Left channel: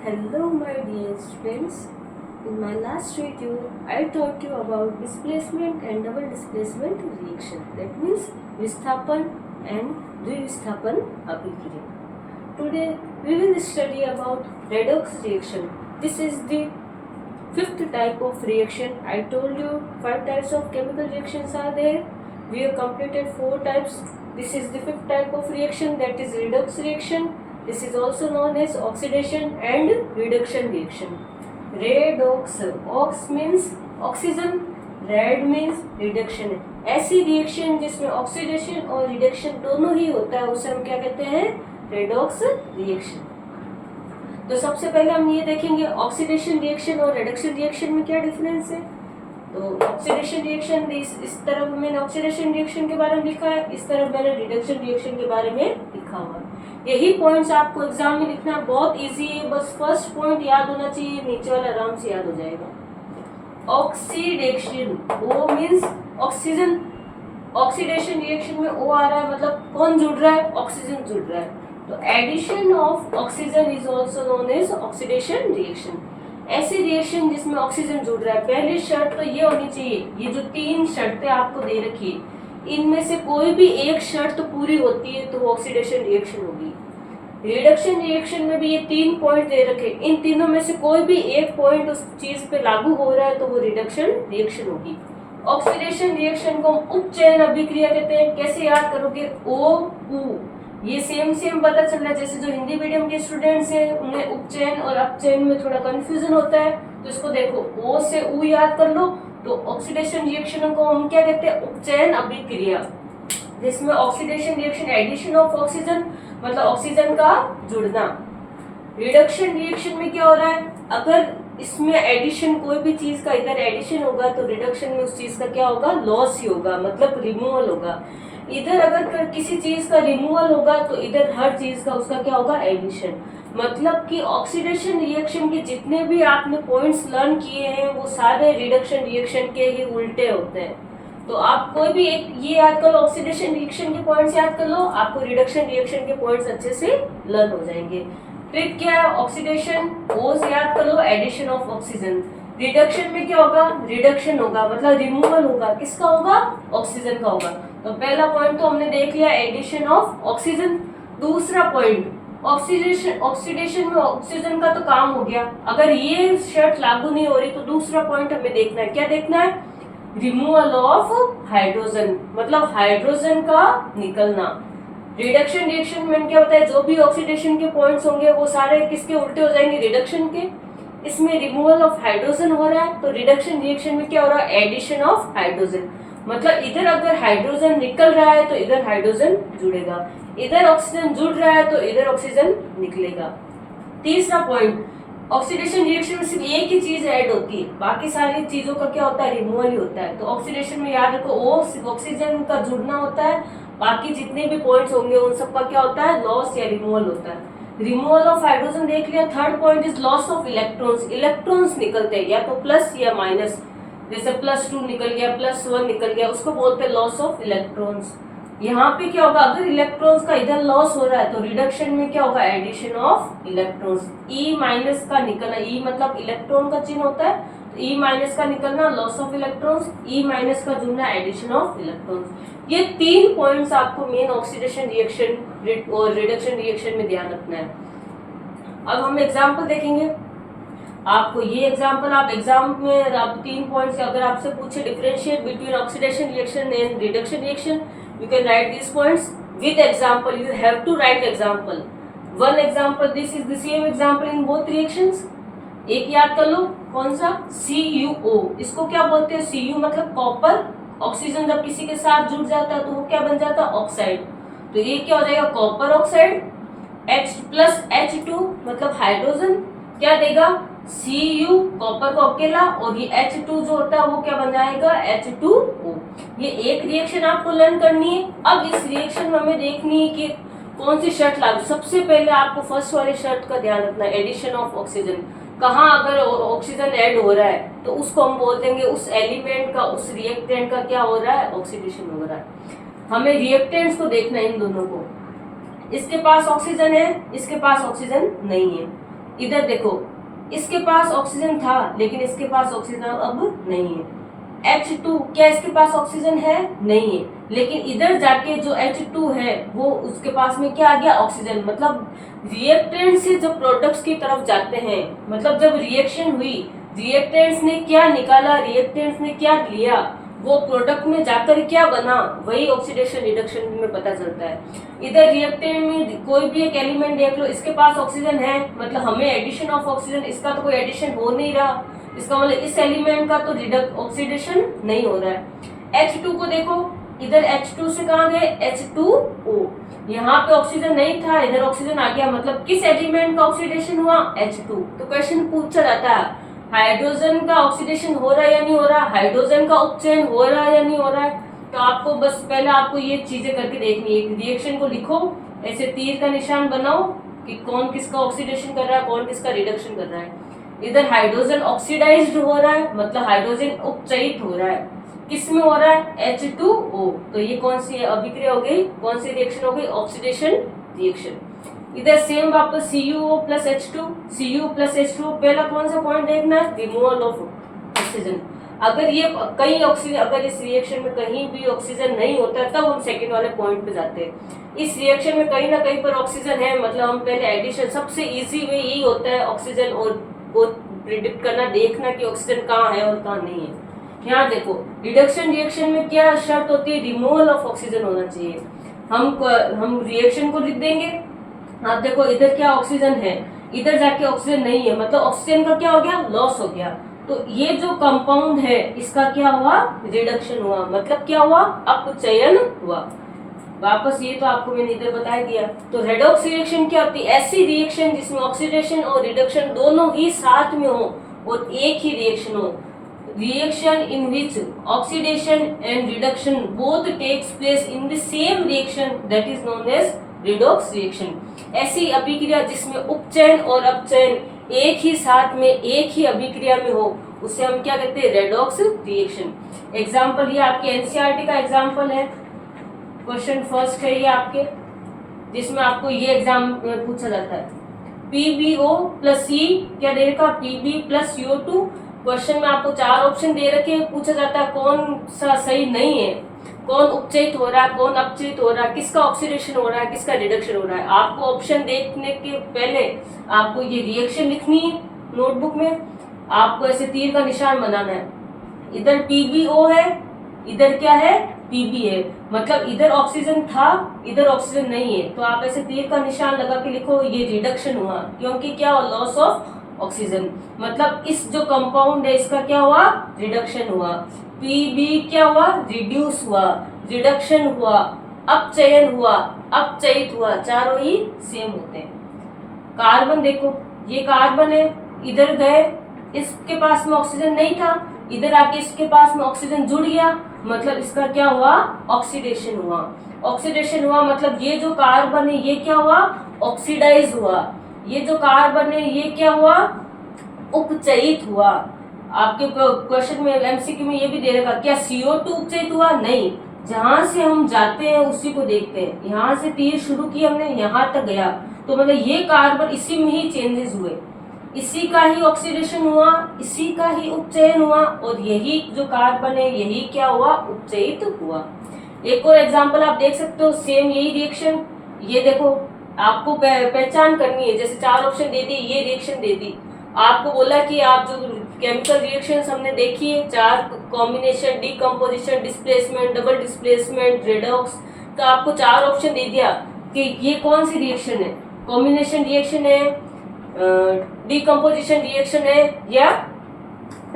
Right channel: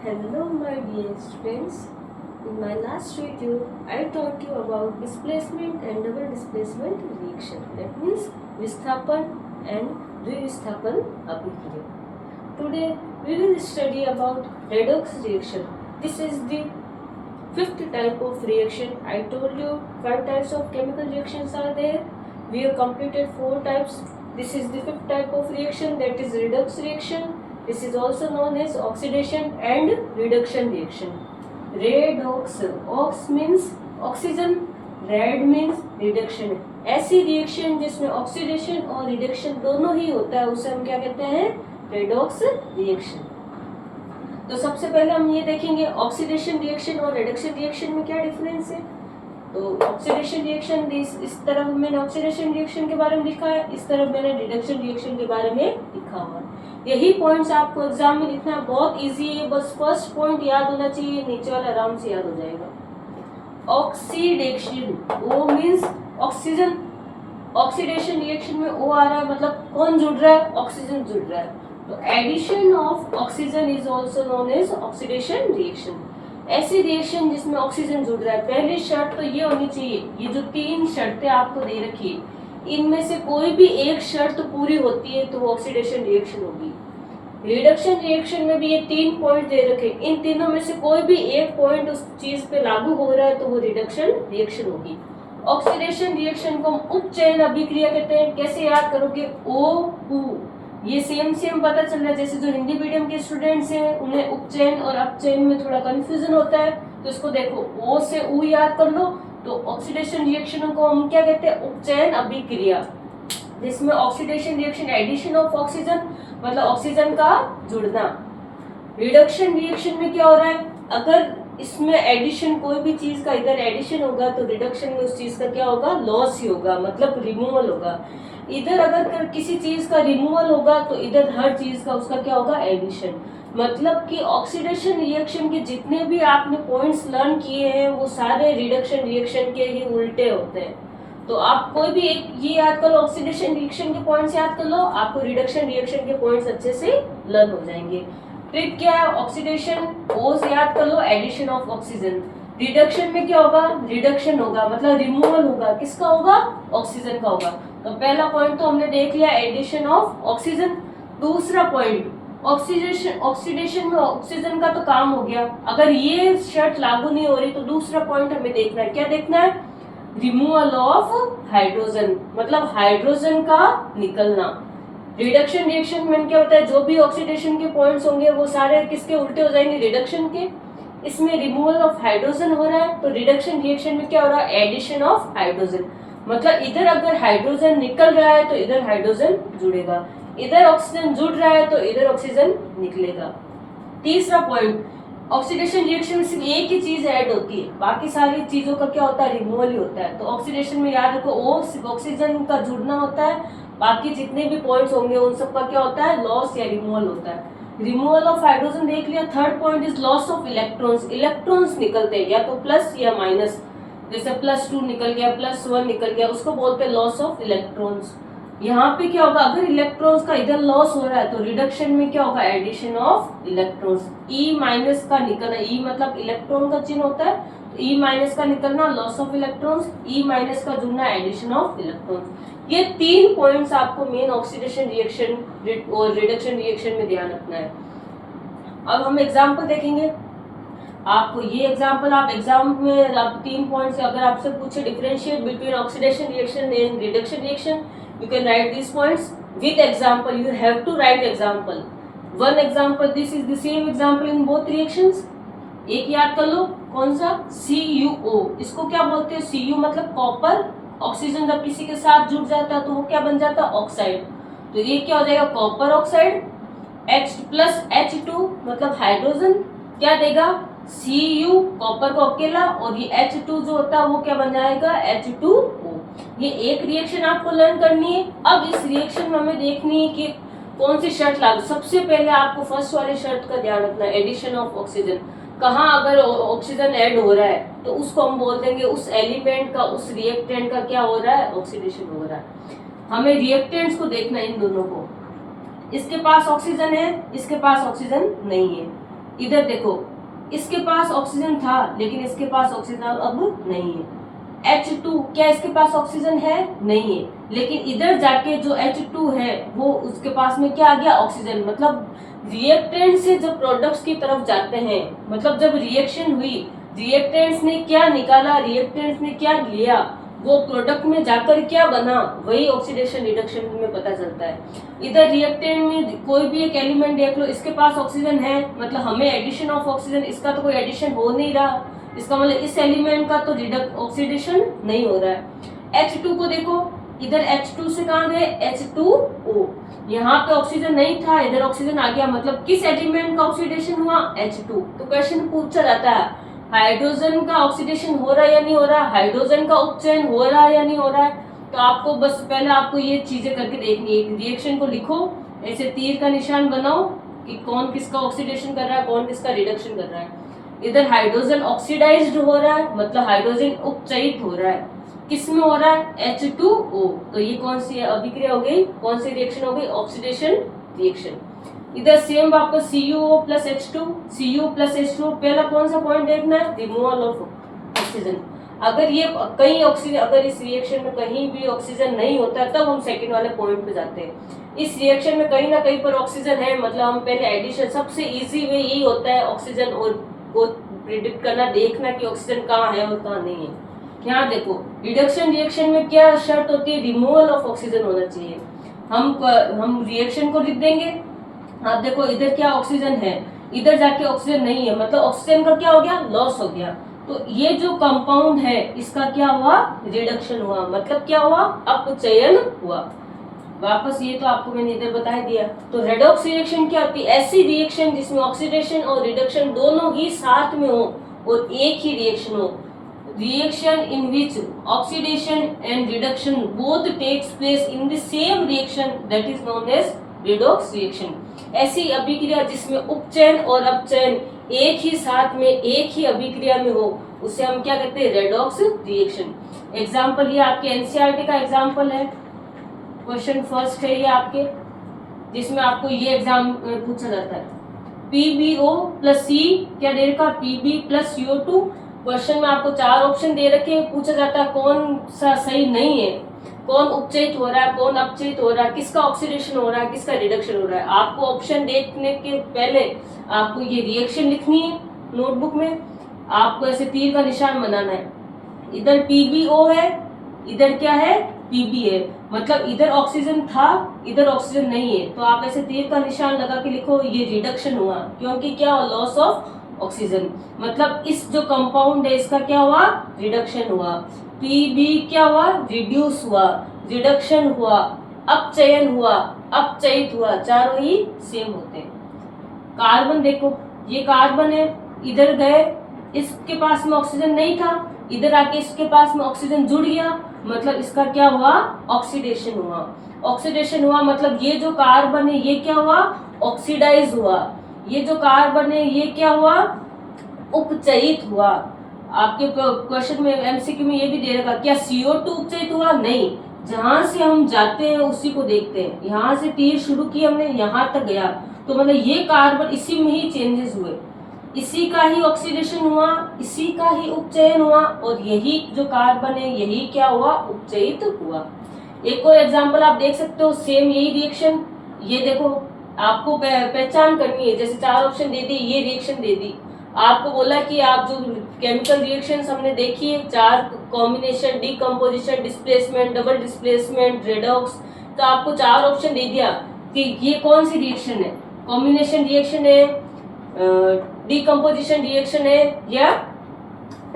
Hello my dear students. In my last video, I taught you about displacement and double displacement reaction. That means विस्थापन and द्विविस्थापन अभिक्रिया. Today we will study about redox reaction. This is the fifth type of reaction. I told you 5 types of chemical reactions are there. We have completed 4 types. This is the fifth type of reaction, that is redox reaction. This is also known as oxidation and reduction reaction. Redox, ox means oxygen, red means reduction. ऐसी reaction जिसमें oxidation और reduction दोनों ही होता है उसे हम क्या कहते हैं? Redox reaction. तो सबसे पहले हम ये देखेंगे ऑक्सीडेशन रिएक्शन और रिडक्शन रिएक्शन में क्या डिफरेंस है. तो ऑक्सीडेशन रिएक्शन इस तरफ मैंने ऑक्सीडेशन रिएक्शन के बारे में लिखा है, इस तरफ मैंने रिडक्शन रिएक्शन के बारे में लिखा हुआ है. यही पॉइंट्स आपको एग्जाम में लिखना है, बहुत इजी है. बस फर्स्ट पॉइंट याद होना चाहिए, नीचे वाला आराम से याद हो जाएगा. ऑक्सीडेशन, ओ मींस ऑक्सीजन. ऑक्सीडेशन रिएक्शन में ओ आ रहा है, मतलब कौन जुड़ रहा है? ऑक्सीजन जुड़ रहा है. तो addition of oxygen is also known as oxidation reaction. ऐसी रिएक्शन जिसमें ऑक्सीजन जुड़ रहा है. पहली शर्त तो ये होनी चाहिए, ये जो 3 शर्तें आपको दे रखी है इनमें से कोई भी एक शर्त पूरी होती है तो वो ऑक्सीडेशन रिएक्शन होगी. रिडक्शन रिएक्शन में भी ये 3 पॉइंट दे रखे, इन तीनों में से कोई भी एक पॉइंट उस चीज पे लागू हो रहा है तो वो रिडक्शन रिएक्शन होगी. ऑक्सीडेशन रिएक्शन को हम उपचयन अभिक्रिया कहते हैं. कैसे याद करोगे? ओ उ, ये सेम पता चल रहा है. जैसे जो हिंदी मीडियम के स्टूडेंट्स हैं उन्हें उपचयन और अपचयन में थोड़ा कंफ्यूजन होता है, तो इसको देखो ओ से उ याद कर लो. तो ऑक्सीडेशन रिएक्शन को हम क्या कहते हैं? उपचयन अभिक्रिया, जिसमें oxidation reaction addition of oxygen मतलब ऑक्सीजन का जुड़ना. रिडक्शन रिएक्शन में क्या हो रहा है? अगर इसमें एडिशन कोई भी चीज का इधर एडिशन होगा तो रिडक्शन में उस चीज का क्या होगा? लॉस ही होगा, मतलब रिमूवल होगा. इधर अगर किसी चीज का रिमूवल होगा तो इधर हर चीज का उसका क्या होगा? एडिशन. मतलब कि ऑक्सीडेशन रिएक्शन के जितने भी आपने पॉइंट्स लर्न किए हैं वो सारे रिडक्शन रिएक्शन के ही उल्टे होते हैं. तो आप कोई भी एक ये याद कर लो, ऑक्सीडेशन रिएक्शन के पॉइंट्स याद कर लो, आपको रिडक्शन रिएक्शन के पॉइंट्स अच्छे से लर्न हो जाएंगे. ट्रिक क्या है? ऑक्सीडेशन ओ से याद कर लो, एडिशन ऑफ ऑक्सीजन. रिडक्शन में क्या होगा? रिडक्शन होगा, मतलब रिमूवल होगा. किसका होगा? ऑक्सीजन का होगा. तो पहला पॉइंट तो हमने देख लिया, एडिशन ऑफ ऑक्सीजन. दूसरा पॉइंट ऑक्सीडेशन में ऑक्सीजन का तो काम हो गया. अगर ये शर्त लागू नहीं हो रही तो दूसरा पॉइंट हमें देखना है. क्या देखना है? रिमूवल ऑफ हाइड्रोजन, मतलब हाइड्रोजन का निकलना. रिडक्शन रिएक्शन में क्या होता है? जो भी ऑक्सीडेशन के पॉइंट्स होंगे वो सारे किसके उल्टे हो जाएंगे? रिडक्शन के. इसमें रिमूवल ऑफ हाइड्रोजन हो रहा है, तो रिडक्शन रिएक्शन में क्या हो रहा है? Addition of hydrogen. मतलब इधर अगर हाइड्रोजन निकल रहा है तो इधर हाइड्रोजन जुड़ेगा, इधर ऑक्सीजन जुड़ रहा है तो इधर ऑक्सीजन निकलेगा. तीसरा पॉइंट, ऑक्सीडेशन रिएक्शन में सिर्फ एक ही चीज ऐड होती है, बाकी सारी चीजों का क्या होता है? रिमूवल ही होता है. तो ऑक्सीडेशन में याद रखो ओ सिर्फ ऑक्सीजन का जुड़ना होता है, बाकी जितने भी पॉइंट्स होंगे उन सब का क्या होता है? लॉस या रिमूवल होता है. रिमूवल ऑफ हाइड्रोजन देख लिया. Third point is loss of electrons. Electrons निकलते हैं या तो प्लस या माइनस. जैसे +2 निकल गया, +1 निकल गया, उसको बोलते हैं लॉस ऑफ इलेक्ट्रॉन्स. यहाँ पे क्या होगा? अगर इलेक्ट्रॉन्स का इधर लॉस हो रहा है तो रिडक्शन में क्या होगा? Addition of electrons. E- का निकलना, E मतलब इलेक्ट्रॉन का चिन्ह होता है, तो E- का निकलना लॉस ऑफ इलेक्ट्रॉन्स, E- का जुड़ना एडिशन ऑफ इलेक्ट्रॉन्स. ये 3 पॉइंट्स आपको मेन ऑक्सीडेशन रिएक्शन और रिडक्शन रिएक्शन में ध्यान रखना है. अब हम एग्जाम्पल देखेंगे. आपको ये एग्जाम्पल आप एग्जाम में आप 3 पॉइंट्स अगर आपसे पूछे differentiate between oxidation reaction and reduction reaction, you can write these points with example. You have to write example. One example, this is the same example in both reactions. एक याद कर लो, कौन सा? CuO. इसको क्या बोलते हैं? Cu मतलब कॉपर. ऑक्सीजन जब किसी के साथ जुड़ जाता है तो वो क्या बन जाता है? ऑक्साइड. तो ये क्या हो जाएगा? Copper oxide. H plus H2 मतलब हाइड्रोजन क्या देगा? Cu कॉपर को अकेला, और ये H2 जो होता है वो क्या बन जाएगा? H2O. ये एक रिएक्शन आपको लर्न करनी है. अब इस रिएक्शन में हमें देखनी है कि कौन सी शर्त लागू. सबसे पहले आपको फर्स्ट वाले शर्त का ध्यान रखना है, एडिशन ऑफ ऑक्सीजन. कहाँ अगर ऑक्सीजन ऐड हो रहा है तो उसको हम बोल देंगे उस एलिमेंट का, उस रिएक्टेंट का क्या हो रहा है? ऑक्सीडेशन हो रहा है. हमें रिएक्टेंट्स को देखना है, इन दोनों को. इसके पास ऑक्सीजन है, इसके पास ऑक्सीजन नहीं है. इधर देखो, इसके पास ऑक्सीजन था लेकिन इसके पास ऑक्सीजन अब नहीं है। H2 क्या इसके पास ऑक्सीजन है? नहीं है, लेकिन इधर जाके जो H2 है वो उसके पास में क्या आ गया? ऑक्सीजन। मतलब रिएक्टेंट से जो प्रोडक्ट्स की तरफ जाते हैं, मतलब जब रिएक्शन हुई, रिएक्टेंट्स ने क्या निकाला, रिएक्टेंट्स ने क्या लिया, वो प्रोडक्ट में जाकर क्या बना, वही ऑक्सीडेशन रिडक्शन में पता चलता है। इधर रिएक्टेंट में कोई भी एक एलिमेंट देख लो, इसके पास ऑक्सीजन है, मतलब हमें एडिशन ऑफ ऑक्सीजन, इसका तो कोई एडिशन हो नहीं रहा, इसका मतलब इस एलिमेंट का तो ऑक्सीडेशन नहीं हो रहा है। H2 को देखो, इधर H2 से कहाँ गए? H2O, यहाँ पे ऑक्सीजन नहीं था, इधर ऑक्सीजन आ गया, मतलब किस एलिमेंट का ऑक्सीडेशन हुआ? H2। तो क्वेश्चन पूछा जाता है हाइड्रोजन का ऑक्सीडेशन हो रहा है या नहीं हो रहा है, हाइड्रोजन का उपचयन हो रहा है या नहीं हो रहा है। तो आपको बस पहले आपको ये चीजें करके देखनी है। रिएक्शन को लिखो, ऐसे तीर का निशान बनाओ कि कौन किसका ऑक्सीडेशन कर रहा है, कौन किसका रिडक्शन कर रहा है। इधर हाइड्रोजन ऑक्सीडाइज्ड हो रहा है, मतलब हाइड्रोजन उपचयित हो रहा है, किस में हो रहा है? H2O। तो ये कौन सी अभिक्रिया हो गई, कौन सी रिएक्शन हो गई? Oxidation reaction. इधर सेम वापस CuO plus H2, Cu plus H2। पहला कौन सा पॉइंट देखना है? Removal of oxygen. अगर ये कहीं ऑक्सीजन, अगर इस रिएक्शन में कहीं भी ऑक्सीजन नहीं होता है, तब हम सेकंड वाले पॉइंट पे जाते हैं। इस रिएक्शन में कहीं ना कहीं पर ऑक्सीजन है, मतलब हम पहले एडिशन, सबसे इजी वे यही होता है ऑक्सीजन और को प्रिडिक्ट करना, देखना कि ऑक्सीजन कहाँ है और कहाँ नहीं है। यहाँ देखो, रिडक्शन रिएक्शन में क्या शर्त होती है? रिमूवल ऑफ ऑक्सीजन होना चाहिए। हम रिएक्शन को लिख देंगे। आप देखो, इधर क्या ऑक्सीजन है, इधर जाके ऑक्सीजन नहीं है, मतलब ऑक्सीजन का क्या हो गया? लॉस हो गया। तो ये जो कंपाउंड है इसका क्या हुआ? रिडक्शन हुआ, मतलब क्या हुआ? अपचयन हुआ। वापस ये तो आपको मैंने इधर बता दिया। तो रेडॉक्स रिएक्शन क्या होती है? ऐसी रिएक्शन जिसमें ऑक्सीडेशन और रिडक्शन दोनों ही साथ में हो और एक ही रिएक्शन हो। Reaction in which oxidation and reduction both takes place in the same reaction, that is known as redox reaction. ऐसी अभिक्रिया जिसमें उपचयन और अपचयन एक ही साथ में एक ही अभिक्रिया में हो, उसे हम क्या कहते हैं? Redox reaction. एग्जाम्पल ये आपके एनसीईआरटी का एग्जाम्पल है, क्वेश्चन फर्स्ट है ये आपके, जिसमें आपको ये एग्जाम पूछा जाता है। PbO प्लस C क्या दे रखा? Pb plus CO2। क्वेश्चन में आपको 4 ऑप्शन दे रखे हैं, पूछा जाता है कौन सा सही नहीं है, कौन उपचयित हो रहा है, कौन अपचयित हो रहा है, किसका ऑक्सीडेशन हो रहा है, किसका रिडक्शन हो रहा है। आपको ऑप्शन देखने के पहले आपको ये रिएक्शन लिखनी है नोटबुक में, आपको ऐसे तीर का निशान बनाना है। इधर PbO है, इधर क्या है? Pb है, मतलब इधर ऑक्सीजन था, इधर ऑक्सीजन नहीं है, तो आप ऐसे तीर का निशान लगा के लिखो ये रिडक्शन हुआ, क्योंकि क्या हुआ? लॉस ऑफ ऑक्सीजन, मतलब इस जो कंपाउंड है इसका क्या हुआ? रिडक्शन हुआ। Pb क्या हुआ? रिड्यूस हुआ, रिडक्शन हुआ, अपचयन हुआ, अपचयित हुआ, चारों ही सेम होते हैं। कार्बन देखो, ये कार्बन है, इधर गए, इसके पास में ऑक्सीजन नहीं था, इधर आके इसके पास में ऑक्सीजन जुड़ गया, मतलब इसका क्या हुआ? ऑक्सीडेशन हुआ। ऑक्सीडेशन हुआ मतलब ये जो कार्बन है ये क्या हुआ? ऑक्सीडाइज हुआ। ये जो कार्बन है ये क्या हुआ? उपचयित हुआ। आपके क्वेश्चन में एमसीक्यू में ये भी दे रखा, क्या CO2 उपचयित हुआ? नहीं, जहां से हम जाते हैं उसी को देखते हैं। यहाँ से तीर शुरू किया हमने, यहाँ तक गया, तो मतलब ये कार्बन इसी में ही चेंजेस हुए, इसी का ही ऑक्सीडेशन हुआ, इसी का ही उपचयन हुआ, और यही जो कार्बन है यही क्या हुआ? उपचयित हुआ। एक और एग्जांपल आप देख सकते हो, सेम यही रिएक्शन, ये देखो, आपको पहचान करनी है। जैसे 4 ऑप्शन दे दी, ये रिएक्शन दे दी, आपको बोला कि आप जो केमिकल रिएक्शंस हमने देखी है 4 combination, decomposition, displacement, double displacement, redox, तो आपको 4 ऑप्शन दे दिया कि ये कौन सी रिएक्शन है, कॉम्बिनेशन रिएक्शन है, डीकम्पोजिशन रिएक्शन है, या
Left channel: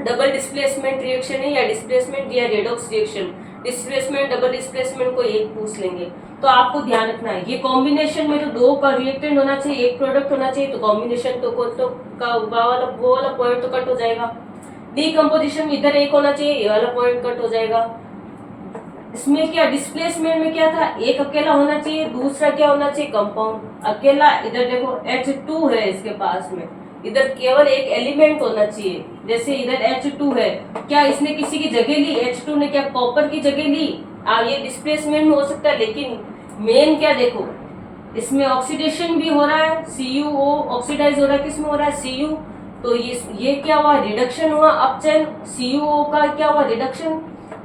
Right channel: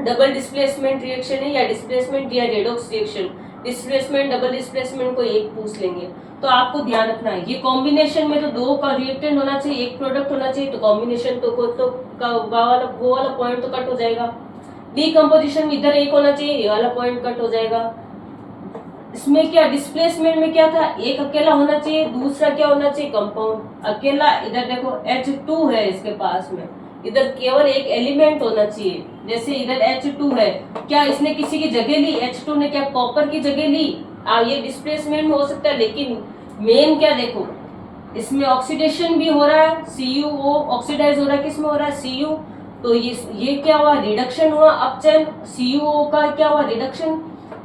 डबल डिस्प्लेसमेंट रिएक्शन है, या डिस्प्लेसमेंट या redox reaction. Displacement, double displacement को एक पूछ लेंगे, तो आपको ध्यान रखना है ये कॉम्बिनेशन में तो 2 का रिएक्टेंट होना चाहिए, एक प्रोडक्ट होना चाहिए, तो कॉम्बिनेशन तो वो वाला पॉइंट तो कट हो जाएगा। डीकम्पोजिशन में इधर एक होना चाहिए, ये वाला पॉइंट कट हो जाएगा। इसमें क्या डिस्प्लेसमेंट में क्या था, एक अकेला होना चाहिए, दूसरा क्या होना चाहिए? कंपाउंड अकेला। इधर देखो H2 है इसके पास में, इधर केवल एक एलिमेंट होना चाहिए। जैसे इधर H2 है, क्या इसने किसी की जगह ली? H2 ने क्या कॉपर की जगह ली? ये डिस्प्लेसमेंट में हो सकता है, लेकिन मेन क्या देखो, इसमें ऑक्सीडेशन भी हो रहा है, CuO ऑक्सीडाइज हो रहा है, किसमें हो रहा है, Cu। तो ये क्या हुआ, रिडक्शन हुआ, अपचयन, CuO का क्या हुआ, रिडक्शन,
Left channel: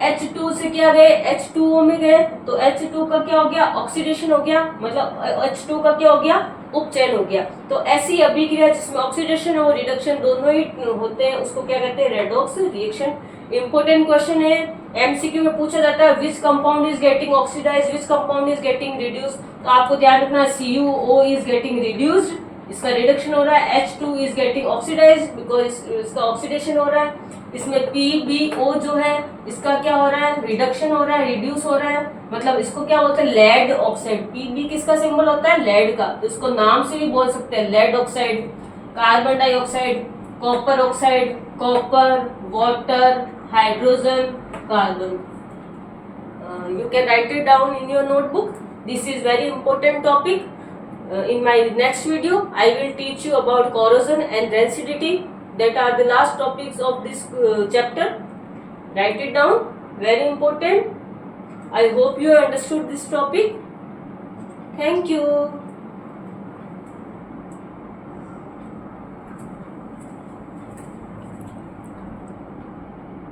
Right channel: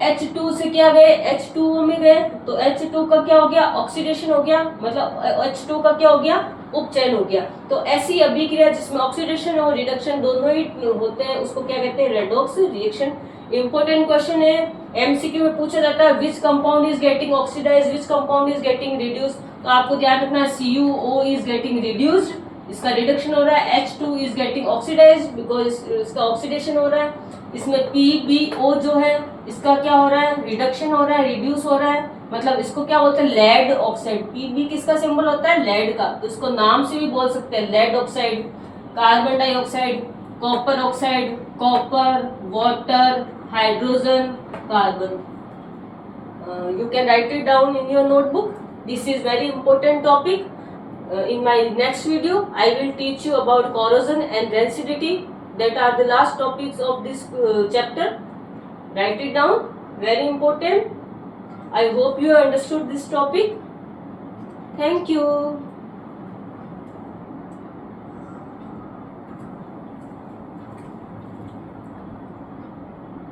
H2 से क्या गए, H2O में गए, तो H2 का क्या हो गया, ऑक्सीडेशन हो गया, मतलब H2 का क्या हो गया, उपचयन हो गया। तो ऐसी अभिक्रिया जिसमें ऑक्सीडेशन और रिडक्शन दोनों ही होते हैं उसको क्या कहते हैं, रेडॉक्स रिएक्शन। इंपॉर्टेंट क्वेश्चन है, एमसीक्यू में पूछा जाता है, which compound is getting oxidise, which compound is getting reduce. तो आपको ध्यान रखना है CuO इज गेटिंग रिड्यूस्ड, इसका रिडक्शन हो रहा है, H2 is getting oxidise because इसका ऑक्सीडेशन हो रहा है। इसमें PbO जो है इसका क्या हो रहा है, रिडक्शन हो रहा है, रिड्यूस हो रहा है, मतलब इसको क्या बोलते हैं, लेड ऑक्साइड। Pb किसका सिंबल होता है, लेड का, तो इसको नाम से भी बोल सकते हैं, lead oxide, carbon dioxide, copper oxide, copper, water, hydrogen, carbon. You can write it down in your notebook. This is very important topic. In my next video, I will teach you about corrosion and rancidity. That are the last topics of this chapter. Write it down. Very important. I hope you understood this topic. Thank you.